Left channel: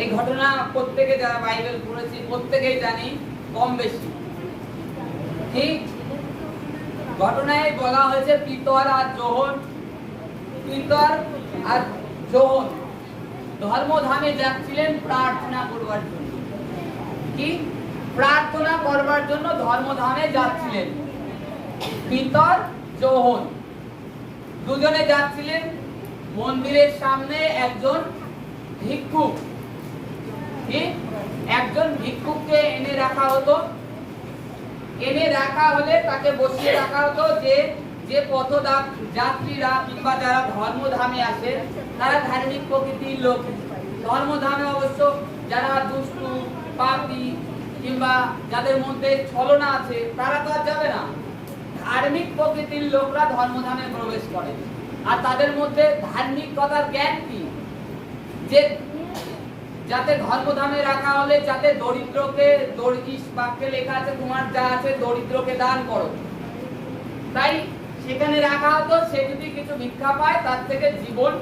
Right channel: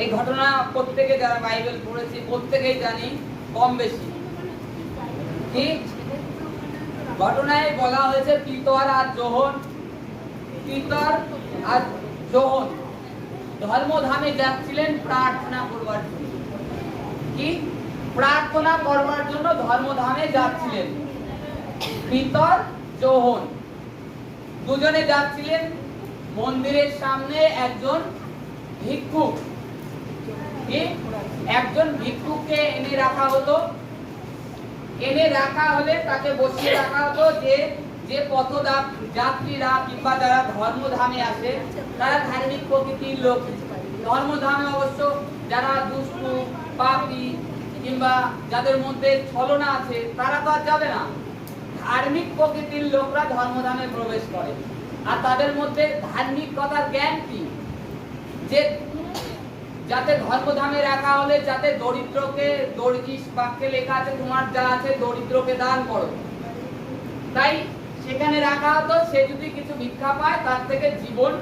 এই ঘটনা প্রত্যেকে যারা বাইবেল পড়েছি প্রত্যেকেই জানি কম বেশি। ঠিক ঘটনায় বলা হয়েছে পিতর আর যোহন ধর্মধামে যাচ্ছিলেন প্রার্থনা করবার জন্য। কি প্রার্থনা করবার জন্য ধর্মধামে যাচ্ছিলেন পিতর যোহন দুজনে যাচ্ছিলেন। মন্দিরের সামনে একজন ভিক্ষুক, একজন ভিক্ষুককে এনে রাখা হতো। এনে রাখা হলে তাকে বসিয়ে রাখা হতো যে পথযাত্রীরা কিংবা যারা ধর্মধামে আসে তারা ধার্মিক প্রকৃতির লোক। ধর্মধামে অবশ্য যারা দুষ্টু পাপী কিংবা যাদের মধ্যে ছলনা আছে তারা তো আর যাবে না। ধার্মিক প্রকৃতির লোকরা ধর্মধামে প্রবেশ করে। আর তাদের মধ্যে ধার্মিকতার জ্ঞান কি, যে যাতে ধর্মধামে রাখা হলে যাতে দরিদ্রকে, বাক্যে লেখা আছে তোমার যা আছে দরিদ্রকে দান করো। তাই সেখানে রাখা হতো, সে যদি কিছু ভিক্ষা পায় তার থেকে জীবন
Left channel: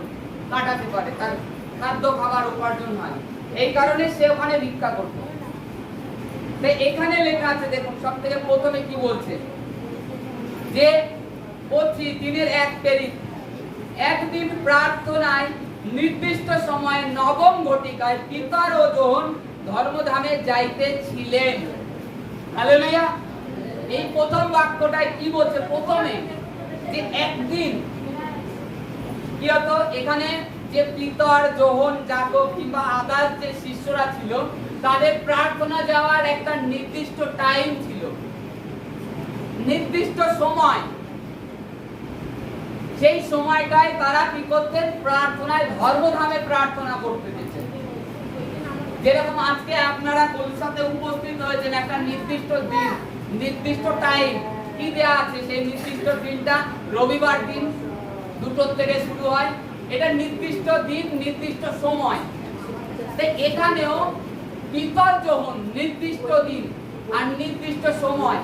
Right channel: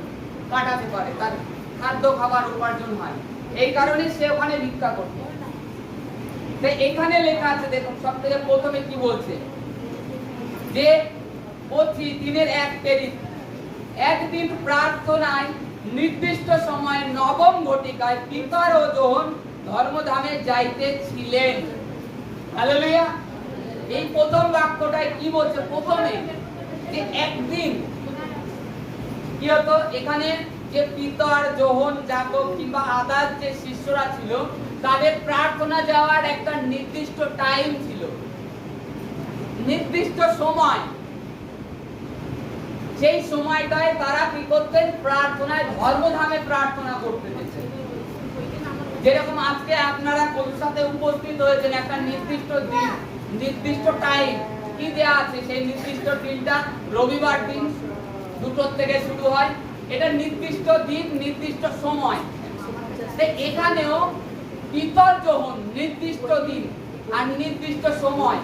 কাটাতে পারে, তার খাদ্য খাবার উপার্জন হয়, এই কারণে সে ওখানে ভিক্ষা করত। তাই এখানে লেখা আছে দেখুন সব থেকে প্রথমে কি বলছে, যে বলছি দিনের এক পেরিত একদিন প্রার্থনায় নির্দিষ্ট সময়ে নবম ঘটিকায় পিতর ও যোহন ধর্মধামে যাইতেছিলেন। হালেলুয়া। এই প্রথম বাক্যটায় কি বলছে, প্রথমে যে একদিন কি হতো, এখানে যে পিতর যোহন যাকব কিংবা আদার যে শিষ্যরা ছিল তাদের প্রার্থনা যাওয়ার একটা নির্দিষ্ট টাইম ছিল, নির্দিষ্ট সময়। সেই সময়টায় তারা কি করতেন, প্রার্থনায় ধর্মধামে প্রার্থনা করতে দিতেন। যেরকম আজকে আপনারা কলকাতাতে উপস্থিত হয়েছেন, একটা নির্দিষ্ট দিন নির্দিষ্ট টাইম কি দেয়া আছে, সেই নির্দিষ্ট দিনটা রবিবার দিন 2টো থেকে শুরু হয়, এটা নির্দিষ্ট দিন নির্দিষ্ট সময়। তাই এখানেও পিতর যোহন নির্দিষ্ট দিন আর নির্দিষ্ট সময়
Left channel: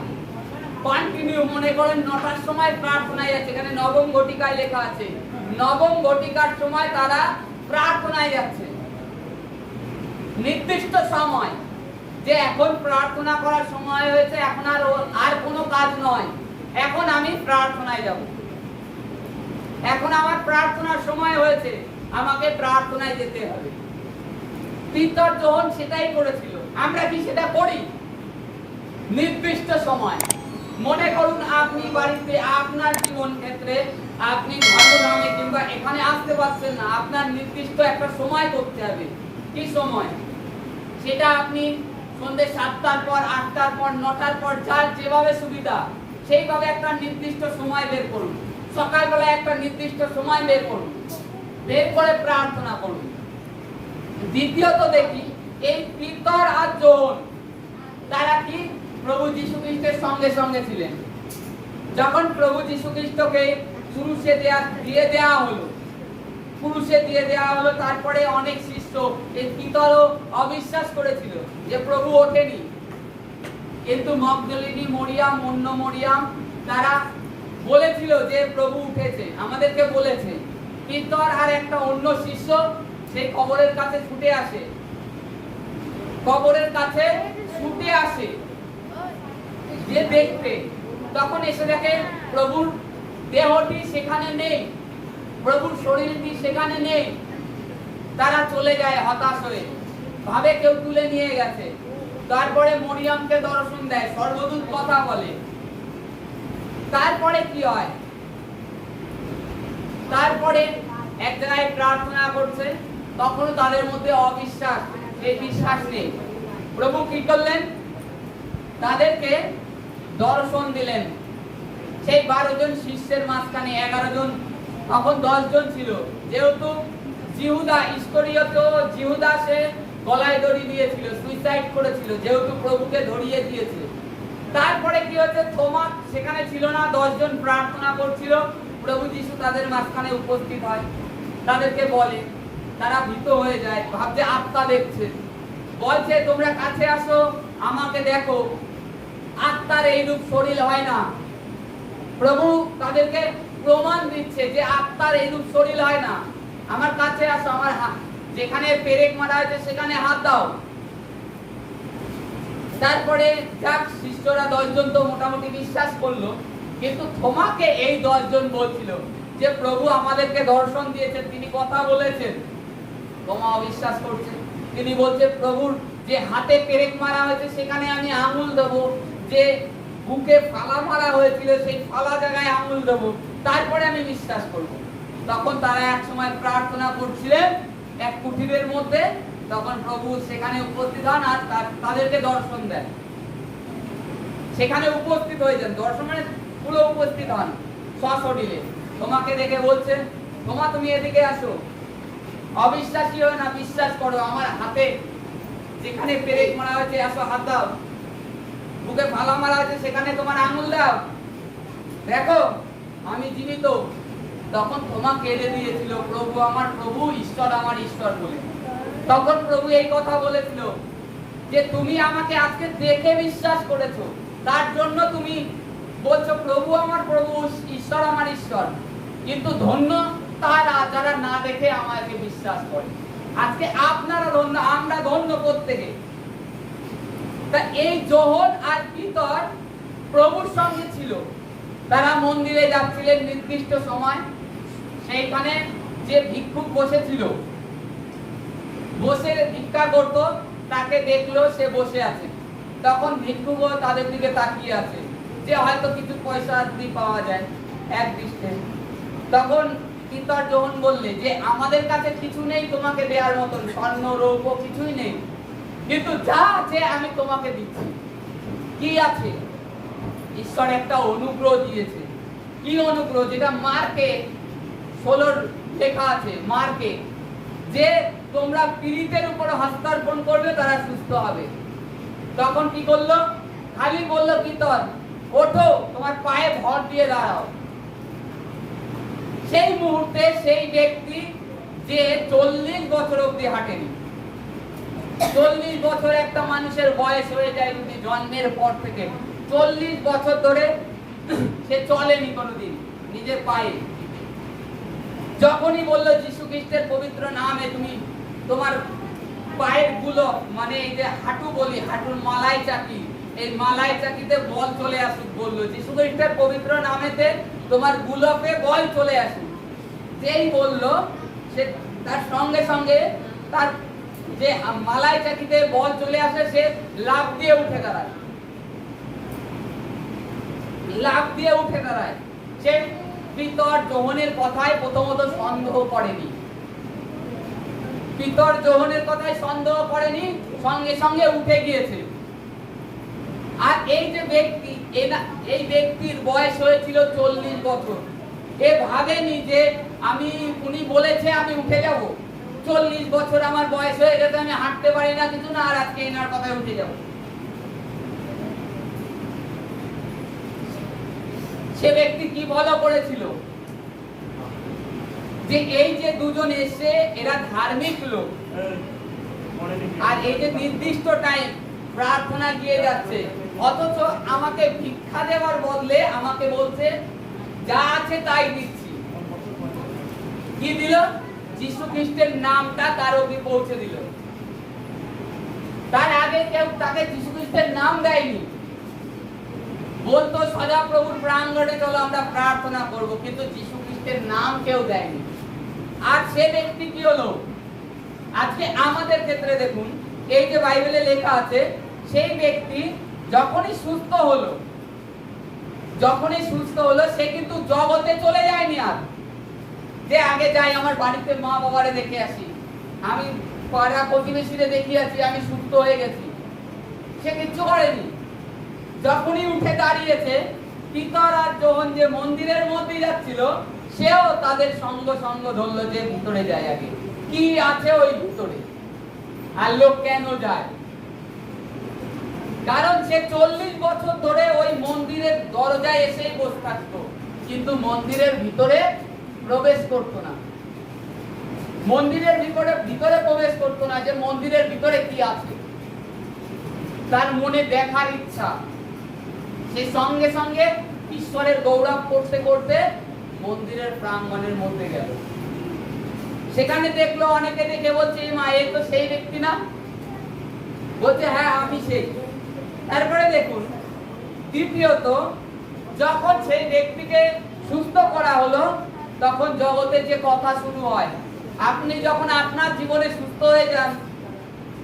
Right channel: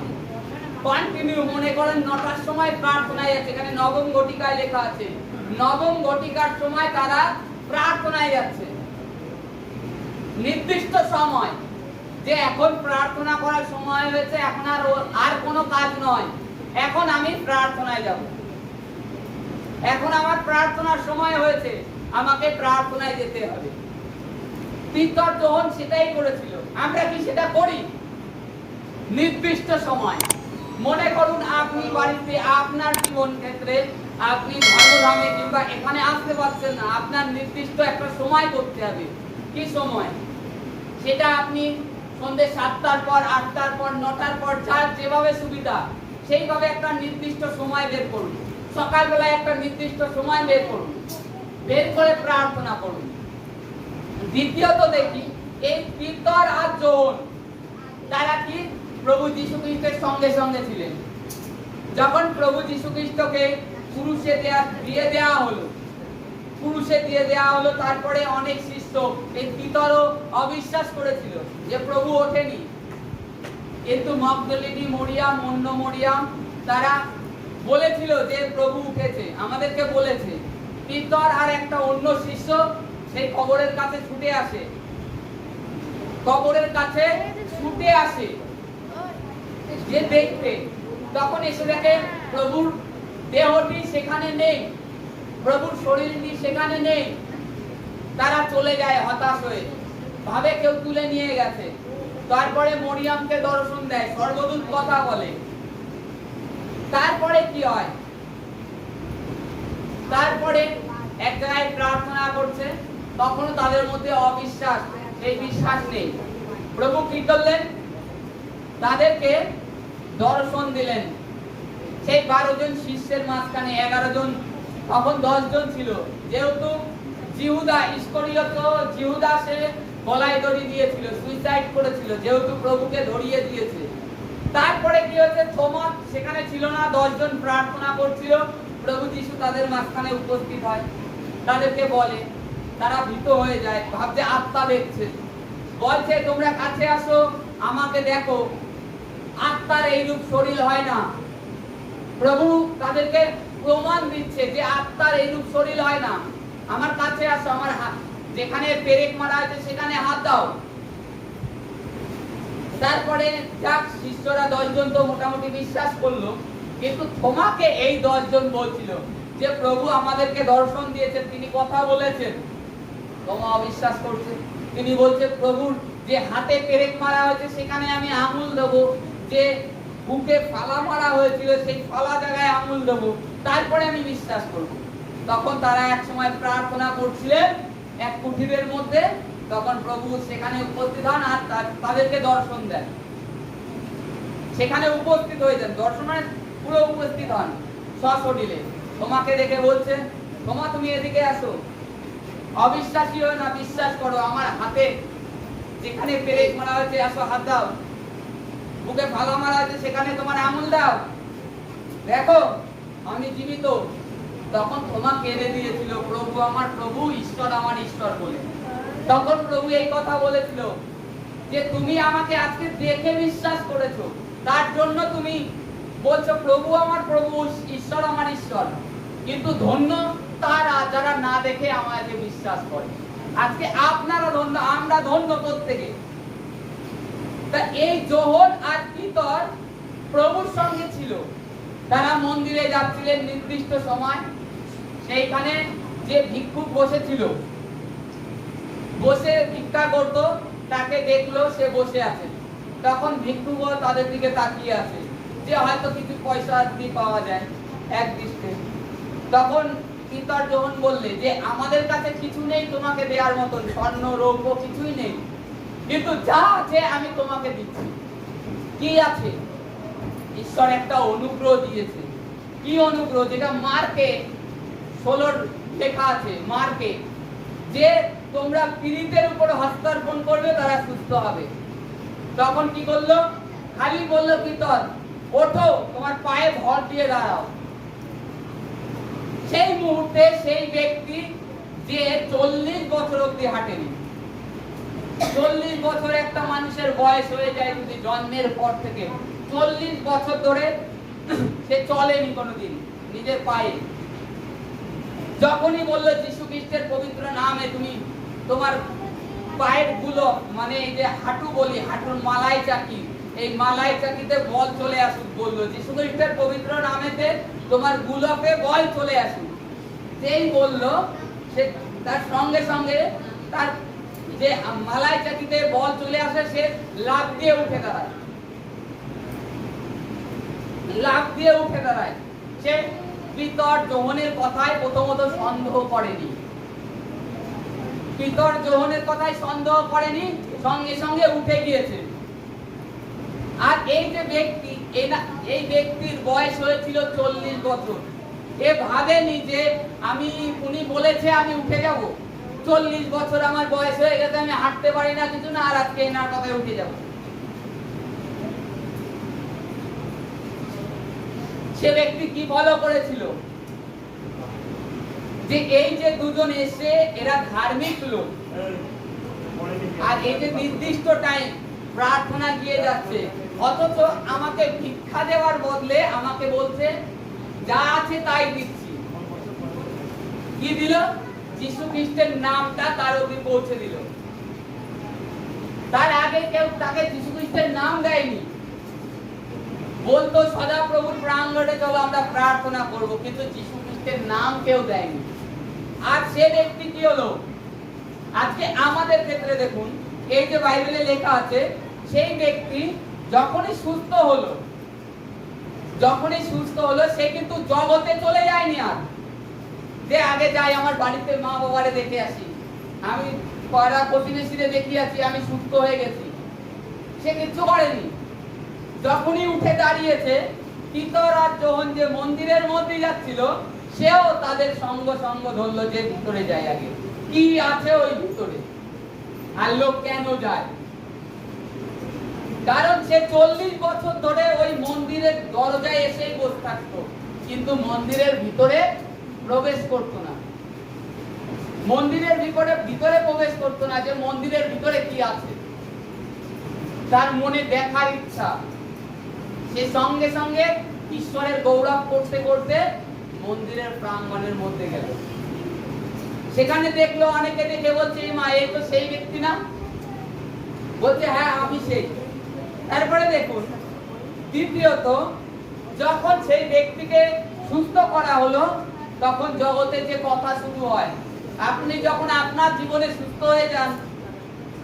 কন্টিনিউ, মনে করেন 9টার সময় প্রার্থনায় যাচ্ছে, এখানে নবম ঘটিকায় লেখা আছে, নবম ঘটিকার সময় তারা প্রার্থনায় যাচ্ছে। নির্দিষ্ট সময়, যে এখন প্রার্থনা করার সময় হয়েছে, এখন আর কোনো কাজ নয়, এখন আমি প্রার্থনায় যাব, এখন আমার প্রার্থনার সময় হয়েছে, আমাকে প্রার্থনায় যেতে হবে। পিতর যোহন সেটাই করেছিল। আমরা কি সেটা করি? নির্দিষ্ট সময়। মনে করুন আপনি বাড়িতে আপনার জীবন ক্ষেত্রে আপনি ধর্মধামে কিংবা এখানে আসতে পারছেন না, আপনার নির্দিষ্ট একটা সময় করতে হবে। কি সময়? সেটা আপনি সন্ধ্যে 7টার পর, 8টার পর, 9টার পর, যার যেভাবে সুবিধা সেইভাবে একটা নির্দিষ্ট সময় বের করুন। সকালবেলা একটা নির্দিষ্ট সময় বের করুন, বের করে প্রার্থনা করুন। দ্বিতীয়ত দেখি এই পিতর আর যোহন তারা কি প্রভু যীশু খ্রিস্টের সঙ্গে সঙ্গে ছিলেন। যখন প্রভু যীশু খ্রিস্টকে ক্রুশে দিয়ে দেওয়া হলো, তারপরে অনেক শিষ্য এই পিতরও অবিশ্বাস করেছিল যে প্রভু ওঠেনি, কিন্তু মগদলিনী মরিয়াম, অন্য মরিয়াম তারা বলেছিল যে প্রভু উঠেছে, আমাদেরকে বলেছে। পিতর আর একটা অন্য শিষ্য সেই কবরের কাছে ছুটে আসে যে দেখতে, তখন এসে দেখে প্রভুর দেহটি সেখানে নেই, প্রভুর শরীরটি সেখানে নেই। তারা চলে যায় হতাশ হয়ে, ভাবে কেউ তুলে নিয়ে গেছে। তারপরে মরিয়ামকে দর্শন দেয়, স্বর্গদূত কথা বলে। তারপরে কি হয়, তারপরে এক জায়গায় প্রার্থনা করছে, তখন তাদের মধ্যে অবিশ্বাস, এই বিশ্বাস নেই। প্রভু কি করলেন, তাদেরকে দর্শন দিলেন। সেই 12 জন শিষ্যের মাঝখানে 11 জন, তখন 10 জন ছিল, যেহেতু জিহুদা ইস্করিয়ত, জিহুদা সে গলায় দড়ি দিয়েছিল, সুইসাইড করেছিল, যেহেতু প্রভুকে ধরিয়ে দিয়েছে। তারপরে কি হচ্ছে, থোমা সেখানে ছিল না, 10 জন প্রার্থনা করছিল, প্রভু যীশু তাদের মাঝখানে উপস্থিত হয়, তাদেরকে বলে, তারা ভীত হয়ে যায়, ভাবছে আত্মা দেখছে, বলছে তোমরা কাছে আসো, আমাকে দেখো, আত্মার এইরূপ শরীর হয় না। প্রভু তাদেরকে প্রমাণ দিচ্ছে যে আত্মার এইরূপ শরীর হয় না, আমার কাছে আসো, আমার যেখানে পেরেক মারা হয়েছে সেখানে হাত দাও। তারপরে যাক শিষ্যরা 10 জন তো মোটামুটি বিশ্বাস করলো, কিন্তু তোমাকে এই 10 জন বলছিল যে প্রভু আমাদেরকে দর্শন দিয়েছেন, তিনি কথা বলেছেন, তোমা অবিশ্বাস করছে। তিনি বলছে প্রভুর যে হাতে পেরেক মারা হয়েছে সেখানে আমি আঙুল দেবো, যে বুকে ফালা মারা হয়েছিল সেই ফালা জায়গায় আঙুল দেবো, তারপরে আমি বিশ্বাস করব। তখন তারা এক সময় প্রার্থনা করছিলেন এক কুঠিরের মধ্যে, তখন প্রভু সেখানে উপস্থিত হন আর তাদেরকে দর্শন দেন। সেখানে উপস্থিত হয়ে যান, দর্শন মানে পুরো উপস্থিত হন সশরীরে। তোমাকে দেখে বলছেন, তোমা তুমি এদিকে আসো, অবিশ্বাসী হও না, বিশ্বাস করো, আমার হাতে যেখানে পেরেক মারা হয়েছে আসো হাত দাও, বুকে ফালা মারা হয়েছে সেখানে তোমার আঙুল দাও, দেখো আমি জীবিত। তখন তোমা কেঁদে দিয়েছিল, প্রভু আমার প্রভু, ঈশ্বর আমার ঈশ্বর বলে। তখন প্রভু এই কথা বলেছিল যে তুমি আমাকে আজকে দেখে বিশ্বাস করেছো, তার জন্য তুমি বলছো প্রভু আমার প্রভু, ঈশ্বর আমার ঈশ্বর। কিন্তু ধন্য তারা যারা না দেখে আমাকে বিশ্বাস করে। আজকে আপনারা ধন্য, আমরা ধন্য প্রত্যেকে। তা এই যোহন আর পিতর প্রভুর সঙ্গে ছিল, তারা মন্দিরে যাচ্ছিলেন নির্দিষ্ট সময়। সেইখানে যে ভিক্ষুক বসেছিল, বসে ভিক্ষা করত, তাকে দেখলো সে বসে আছে। তখন ভিক্ষুক তাদের দিকে তাকিয়ে আছে যে হয়তো কিছু পয়সা যদি পাওয়া যায় এক দৃষ্টে। তখন পিতর যখন বললে যে আমাদের কাছে কিছু নেই তোমাকে দেওয়ার মতন, স্বর্ণ রৌপ্য কিছুই নেই, কিন্তু যা আছে আমি তোমাকে দিচ্ছি। কি আছে? ঈশ্বর একটা অনুগ্রহ দিয়েছে। কি অনুগ্রহ? যেটা মার্কে 16 লেখা আছে, মার্কে, যে তোমরা পীড়িতের উপর হস্তার্পণ করবে তারা সুস্থ হবে। তখন কি করলো? খালি বললো পিতর ওঠো, তোমার পায়ে ভর দিয়ে দাঁড়াও। সেই মুহূর্তে সেই ব্যক্তি যে 40 বছর অবধি হাঁটেনি, 40 বছর একটা মানুষের বয়স হয়ে যায় যদি জন্মের পর থেকে, 40 বছর ধরে সে চলেনি কোনোদিন নিজের পায়ে। যখনই বললো যীশু খ্রিস্টের পবিত্র নামে তুমি তোমার পায়ের গুলো, মানে এই যে হাঁটু বলি, হাঁটুর মালাই চাকি, এই মালাই চাকিতে বল চলে আসুক বললো। যীশু খ্রিস্টের পবিত্র নামেতে তোমার গুলোকে বল চলে আসুক। যেই বললো সে তার সঙ্গে সঙ্গে তার যে মালাই চাকিতে বল চলে আসে, সে লাফ দিয়ে উঠে দাঁড়ায়, লাফ দিয়ে উঠে দাঁড়ায়। সে পিতর যোহনের কথায় প্রথমত সন্দেহ করেনি, পিতর যোহনের কথায় সন্দেহ করেনি, সঙ্গে সঙ্গে উঠে গিয়েছে। আর এই যে ব্যক্তি, এই ব্যক্তির বয়স হয়েছিল 40 বছর। এ ভাবেনি যে উনি বলেছে আমি উঠে যাব, 40 বছর আমার বয়স হয়ে গেছে, আমি হাঁটতে পারি না কিছু না, আর আজকে এনার কথায় উঠে যাব। সে ব্যক্তি কি ফলো করেছিল? যে এই যে দুজন এসে এরা ধার্মিক লোক, আর এই যে নির্দিষ্ট টাইম প্রার্থনা গিয়ে যাচ্ছে, অথচ আমাকে ভিক্ষা দেওয়ার বদলে আমাকে বলছে যা আছে তাই দিচ্ছি। কি দিল? যীশু খ্রিস্টের নামটা তার অবধি পৌঁছে দিল। তার আগে কেউ তাকে যীশু খ্রিস্টের নাম দেয়নি। বলতো সদাপ্রভুর প্রাঙ্গণে চলো আমরা প্রার্থনা করব, কিন্তু যীশু খ্রিস্টের নাম কেউ দেয়নি। আর সে ব্যক্তি কি হলো? আজকে আমাদের ক্ষেত্রে দেখুন, এই যে বাইবেলে লেখা আছে, সেই ব্যক্তি যখনই সুস্থ হলো, সে কিন্তু জগতে চলে যায়নি। আর যে আগে যাই আমার বাড়িতে মা বাবারে দেখে আসি, আমি পাড়া প্রতিবেশীরে দেখে আসি, আমি সুস্থ হয়ে গেছি, সে কিচ্ছু করেনি। যখনই উঠে দাঁড়িয়েছে, পিতর আর যোহন যে মন্দিরের মধ্যে যাচ্ছিল, সেও তাদের সঙ্গ ধরলো যে ভিতরে যায় আগে, কি আছে ওই ভিতরে, আর লোক কেন যায়? কারণ সে 40 বছর ধরে ওই মন্দিরের দরজায় এসেই বসে থাকতো, কিন্তু মন্দিরের ভিতরে প্রবেশ করতো না। মন্দিরের ভিতরে প্রবেশ করতো না, যে মন্দিরের ভিতরে কি আছে তার মনে দেখার ইচ্ছা। সে সঙ্গে সঙ্গে ঈশ্বরের গৌরব করতে করতে মন্দিরের প্রাঙ্গণের মধ্যে গেল। সেখানে দেখলো, অনেকে দেখে বলছে মা এই তো সেই ব্যক্তি না, বলছে হ্যাঁ আমি সেই। তারপরে দেখুন দ্বিতীয়ত যখন সেই ব্যক্তিকে সুস্থ করা হলো তখন জগতে যে কথা শুরু হয়, আপনি যখন আপনার জীবনে সুস্থ হয়ে যান,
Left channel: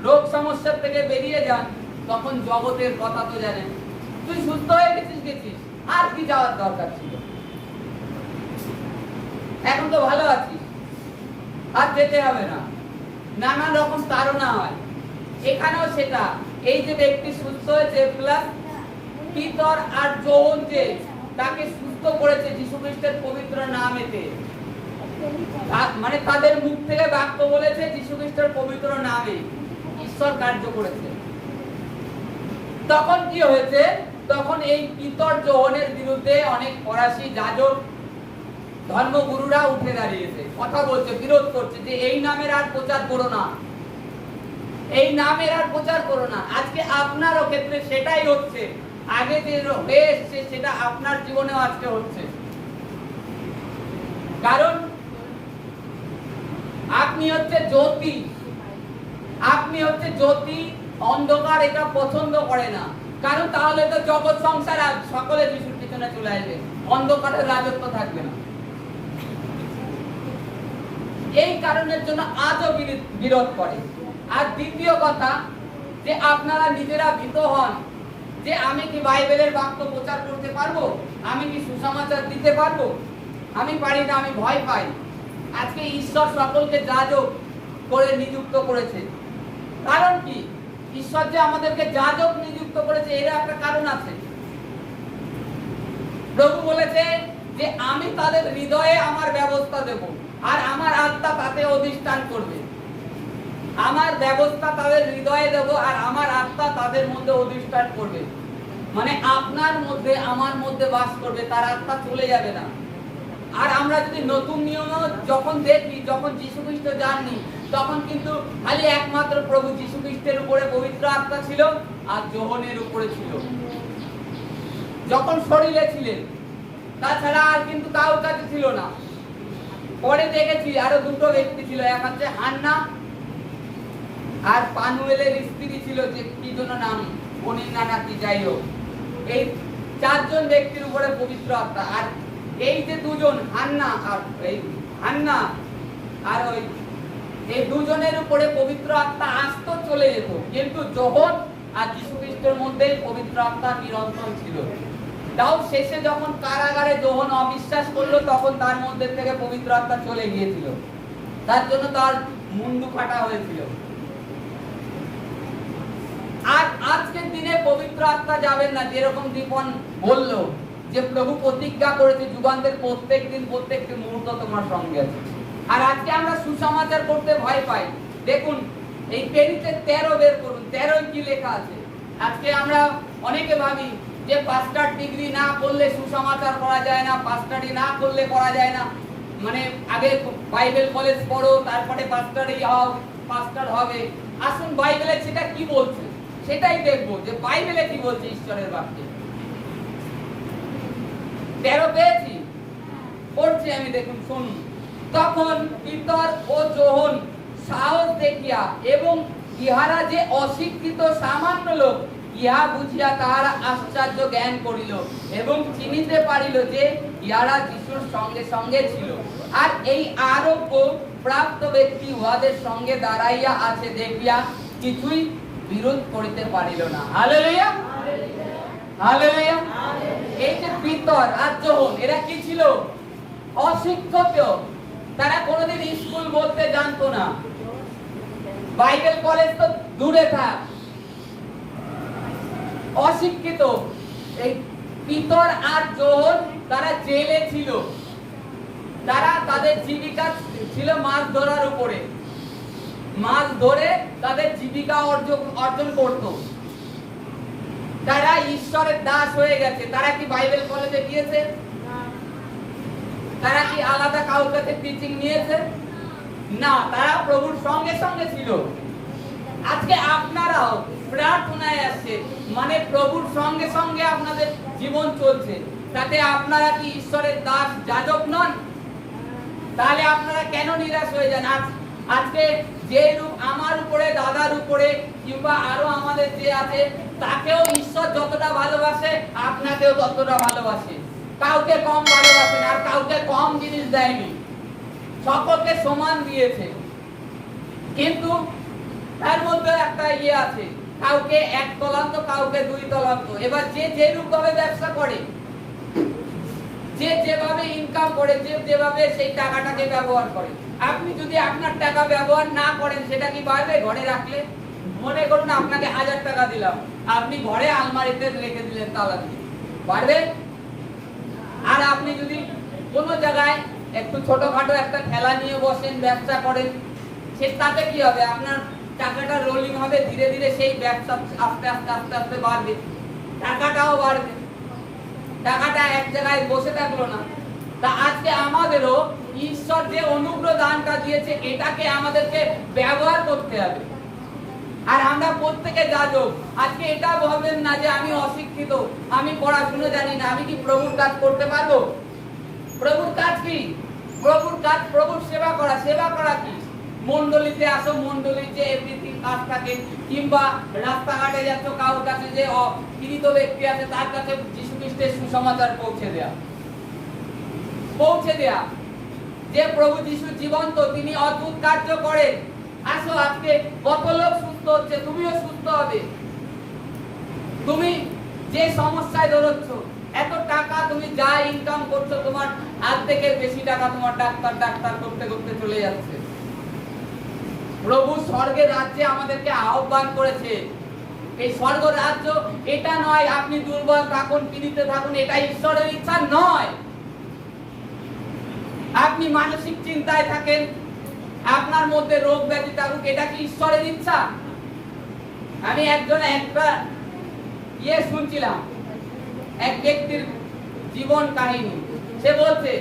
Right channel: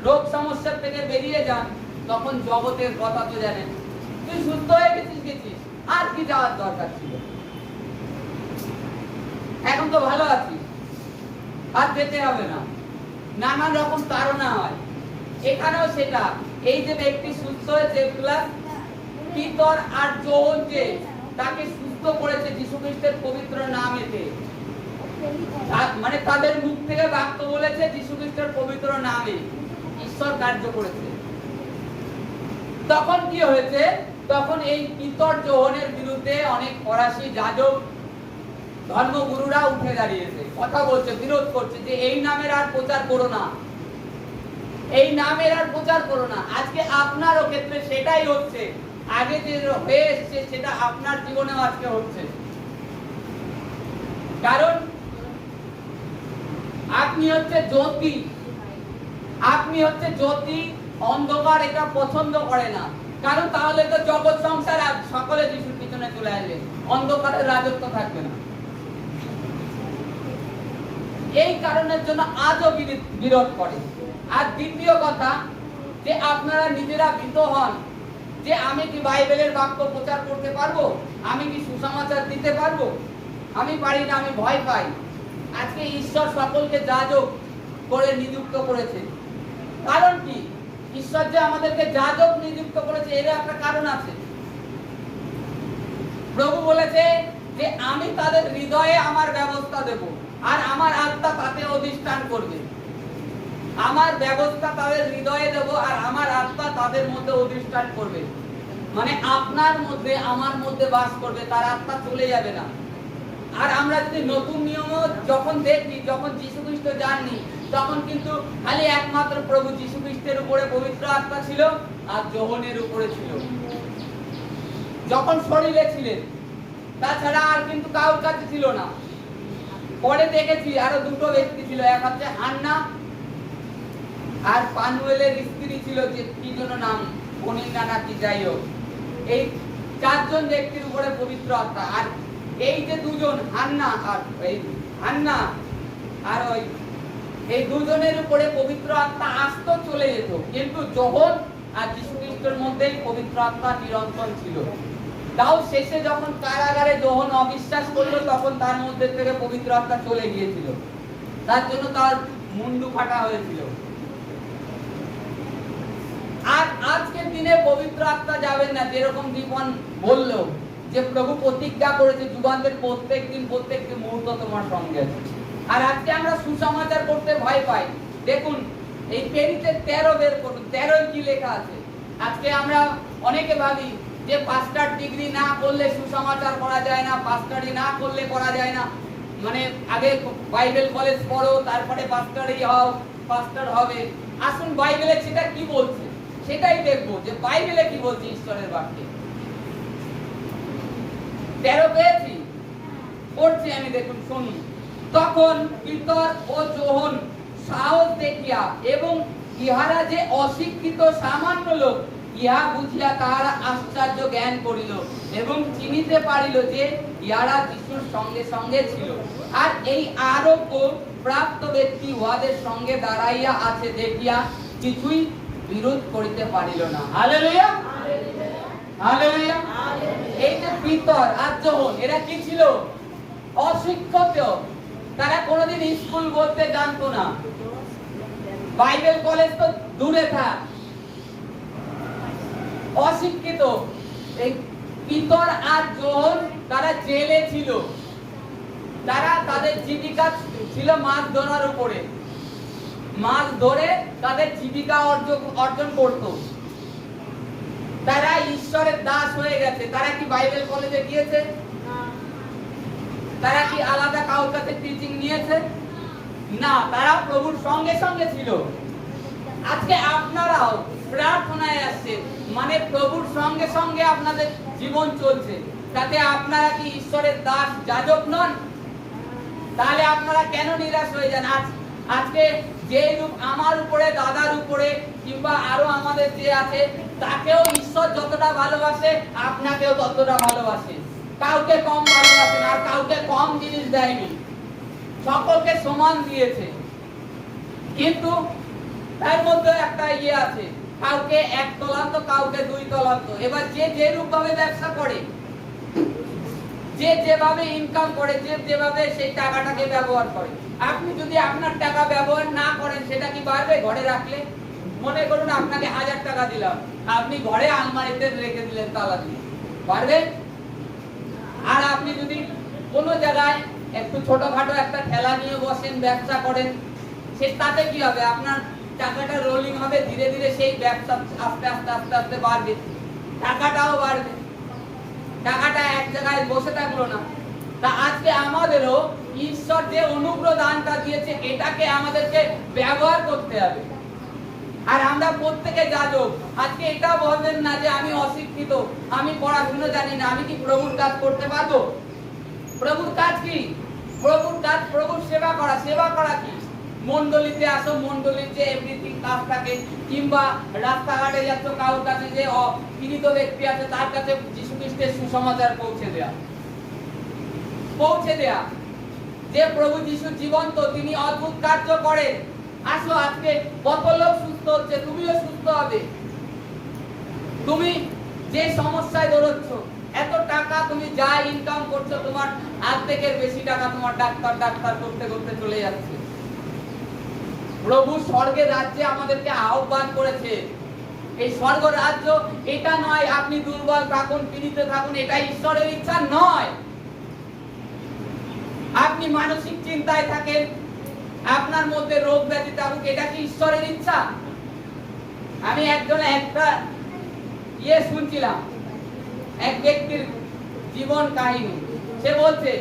রোগ সমস্যা থেকে বেরিয়ে যান, তখন জগতের কথা তো জানেন, তুই সুস্থ হয়ে গেছিস আর কি যাওয়ার দরকার ছিল, এখন তো ভালো আছিস আর যেতে হবে না, নানান রকম তাড়না হয়। এখানেও সেটা, এই যে ব্যক্তি সুস্থ হয়েছে প্লাস পিতর আর যৌবন যে তাকে সুস্থ করেছে যীশু খ্রিস্টের পবিত্র নামেতে, মানে তাদের মুখ থেকে বাক্য বলেছে যীশু খ্রিস্টের পবিত্র নামে ঈশ্বর কার্য করেছে। তখন কি হয়েছে, তখন এই পিতর যৌবনের বিরুদ্ধে অনেক ফরাসি যাজক ধর্মগুরুরা উঠে দাঁড়িয়েছে, কথা বলছে, বিরোধ করছে যে এই নামের আর প্রচার করো না, এই নামের আর প্রচার করো না। আজকে আপনারও ক্ষেত্রে সেটাই হচ্ছে, আগে যে হয়ে এসছে সেটা আপনার জীবনেও আজকে হচ্ছে। কারণ আপনি হচ্ছে জ্যোতি, আপনি হচ্ছে জ্যোতি, অন্ধকার এটা পছন্দ করে না। কারণ তাহলে তো জগৎ সংসার আর সকলে যিশুর পিছনে চলে আসবে, অন্ধকারের রাজত্ব থাকবে না। এই কারণের জন্য আজও বিরোধ করে। আর দ্বিতীয় কথা যে আপনারা নিজেরা ভীত হন যে আমি কি বাইবেলের বাক্য প্রচার করতে পারবো, আমি কি সুসমাচার দিতে পারবো, আমি পারি না, আমি ভয় পাই। আজকে ঈশ্বর সকলকে যাজক করে নিযুক্ত করেছে। কারণ কি, ঈশ্বর যে আমাদেরকে যাজক নিযুক্ত করেছে এর একটা কারণ আছে। প্রভু বলেছে যে আমি তাদের হৃদয়ে আমার ব্যবস্থা দেব আর আমার আত্মা তাতে অধিষ্ঠান করবে। আমার ব্যবস্থা তাদের হৃদয়ে দেব আর আমার আত্মা তাদের মধ্যে অধিষ্ঠান করবে, মানে আপনার মধ্যে আমার মধ্যে বাস করবে, তার আত্মা চলে যাবে না। আর আমরা যদি নতুন নিয়ম যখন দেখি, যখন যীশু খ্রিস্ট যাননি তখন কিন্তু খালি একমাত্র প্রভু যীশু খ্রিস্টের উপরে পবিত্র আত্মা ছিল আর যোহনের উপরে ছিল, যখন শরীরে ছিলেন, তাছাড়া আর কিন্তু কারোর কাছে ছিল না। পরে দেখেছি আরো দুটো ব্যক্তি ছিল, এক হচ্ছে হান্না আর পানুয়েলের স্ত্রী ছিল, যে কি জন্য নাম অনিন্না নাকি যাই হোক, এই চারজন ব্যক্তির উপরে পবিত্র আত্মা। আর এই যে দুজন হান্না আর ওই এই দুজনের উপরে পবিত্র আত্মা আসতো চলে যেত, কিন্তু যোহন আর যীশু খ্রিস্টের মধ্যেই পবিত্র আত্মা নিরন্তর ছিল। তাও শেষে যখন কারাগারে যোহন অবিশ্বাস করলো তখন তার মধ্যে থেকে পবিত্র আত্মা চলে গিয়েছিল, তার জন্য তার মুন্ডু ফাটা হয়েছিল। আর আজকের দিনে পবিত্র আত্মা যাবেন না, যেরকম দীপন বলল যে প্রভু প্রতিজ্ঞা করেছে যুগান্তের প্রত্যেকটি মুহূর্ত তোমার সঙ্গে আছে। আর আজকে আমরা সুসমাচার করতে ভয় পাই। দেখুন এই পেরিতে 13 বের করুন, 13 কি লেখা আছে। আজকে আমরা অনেকে ভাবি যে পাস্টার ডিগ্রি না করলে সুসমাচার করা যায় না, পাস্টারি না করলে করা যায় না, মানে আগে বাইবেল কলেজ পড়ো তারপরে পাস্টারই হও, পাস্টার হবে। আসুন বাইবেলে সেটা কি বলছে সেটাই দেখবো, যে বাইবেলে কি বলছে ঈশ্বরের বাক্যে। 13 পেয়েছি, পড়ছি আমি, দেখুন শুনুন। তখন পিতর ও যোহন সাহস দেখিয়া এবং ইহারা যে অশিক্ষিত সামান্য লোক, ইহা বুঝিয়া তাহারা আশ্চর্য জ্ঞান করিল এবং চিনিতে পারিল যে ইহারা যিশুর সঙ্গে সঙ্গে ছিল। আর এই আরোগ্য প্রাপ্ত ব্যক্তি উহাদের সঙ্গে দাঁড়াইয়া আছে দেখিয়া কিছুই বিরোধ করিতে পারিল না। Hallelujah, hallelujah. এই যে পিতর আর যোহন, এরা কি ছিল? অশিক্ষিত। তারা কোনোদিন স্কুল বলতে জানতো না, বাইবেল কলেজ তো দূরে থাক, অশিক্ষিত। এই পিতর আর যোহন তারা জেলে ছিল, তারা তাদের জীবিকা ছিল মাছ ধরার উপরে, মাছ ধরে তাদের জীবিকা অর্জন করত। তারা ঈশ্বরের দাস হয়ে গেছে। তারা কি বাইবেল কলেজে গিয়েছে? তারা কি আলাদা কারোর কাছে টিচিং নিয়েছে? না, তারা প্রভুর সঙ্গে সঙ্গে ছিল। আজকে আপনারাও প্রার্থনায় আসছেন, মানে প্রভুর সঙ্গে সঙ্গে আপনাদের জীবন চলছে, তাতে আপনারা কি ঈশ্বরের দাস যাজক নন? তাহলে আপনারা কেন নিরাশ হয়ে যান? আজকে যে রূপ আমার উপরে, দাদার উপরে, কিংবা আরো আমাদের যে আছে, তাকেও ঈশ্বর যতটা ভালোবাসে আপনাকেও ততটা ভালোবাসে। কাউকে কম ভালোবাসেন আর কাউকে কম জিনিস দেয়নি, সকলকে সমান দিয়েছে। কিন্তু তার মধ্যে একটা আছে, কাউকে 1 তলান্ত, কাউকে 2 তলান্ত। এবার যে যেরূপ ভাবে ব্যবসা করে, যে যেভাবে ইনকাম করে, যে যেভাবে সেই টাকাটাকে ব্যবহার করে, আপনি যদি আপনার টাকা ব্যবহার না করেন, সেটা কি বাড়বে? ঘরে রাখলে, মনে করুন আপনাকে 1000 টাকা দিলাম, আপনি ঘরে আলমারিতে রেখে দিলেন তালা দিয়ে, বাড়বে? আর আপনি যদি কোনো জায়গায় একটু ছোটখাটো একটা ঠেলা নিয়ে বসেন, ব্যবসা করেন, তাতে কি হবে? আপনার টাকাটা রোলিং হবে, ধীরে ধীরে সেই ব্যবসা আস্তে আস্তে আস্তে আস্তে বাড়বে, টাকাটাও বাড়বে, টাকাটা এক জায়গায় বসে থাকলো না। তা আজকে আমাদেরও ঈশ্বর যে অনুগ্রহ দানটা দিয়েছে, এটাকে আমাদেরকে ব্যবহার করতে হবে। আর আমরা প্রত্যেকে যাজক। আজকে এটা বলবেন না যে আমি অশিক্ষিত, আমি পড়াশোনা জানি না, আমি কি প্রভুর কাজ করতে পারবো? প্রভুর কাজ কি? প্রভুর কাজ প্রভুর সেবা করা। সেবা করা কি? মণ্ডলীতে আসো, মণ্ডলীর যে এভরিথিং কাজ থাকে, কিংবা রাস্তাঘাটে যাচ্ছ, কারোর কাছে যে পীড়িত ব্যক্তি আছে, তার কাছে যীশু খ্রিস্টের সুসমাচার পৌঁছে দেয়া। যে প্রভু যীশু জীবন্ত, তিনি অদ্ভুত কার্য করেন। আসো, আজকে কত লোক সুস্থ হচ্ছে, তুমিও সুস্থ হবে। তুমি যে সমস্যায় দৌড়চ্ছ, এত টাকা তুমি যা ইনকাম করছো, তোমার অর্ধেকের বেশি টাকা তোমার ডাক্তার করতে করতে চলে যাচ্ছে। প্রভু স্বর্গের রাজ্যে আমাদেরকে আহ্বান করেছে। এই স্বর্গ রাজ্য এটা নয় আপনি দুর্বল থাকুন, পীড়িত থাকুন, এটা ঈশ্বরের ইচ্ছা নয়। আপনি মানসিক চিন্তায় থাকেন, আপনার মধ্যে রোগ ব্যাধি থাকুক, এটা কি ঈশ্বরের ইচ্ছা? আমি একটা শুনছিলাম, এক ব্যক্তির জীবন কাহিনী। সে বলছে,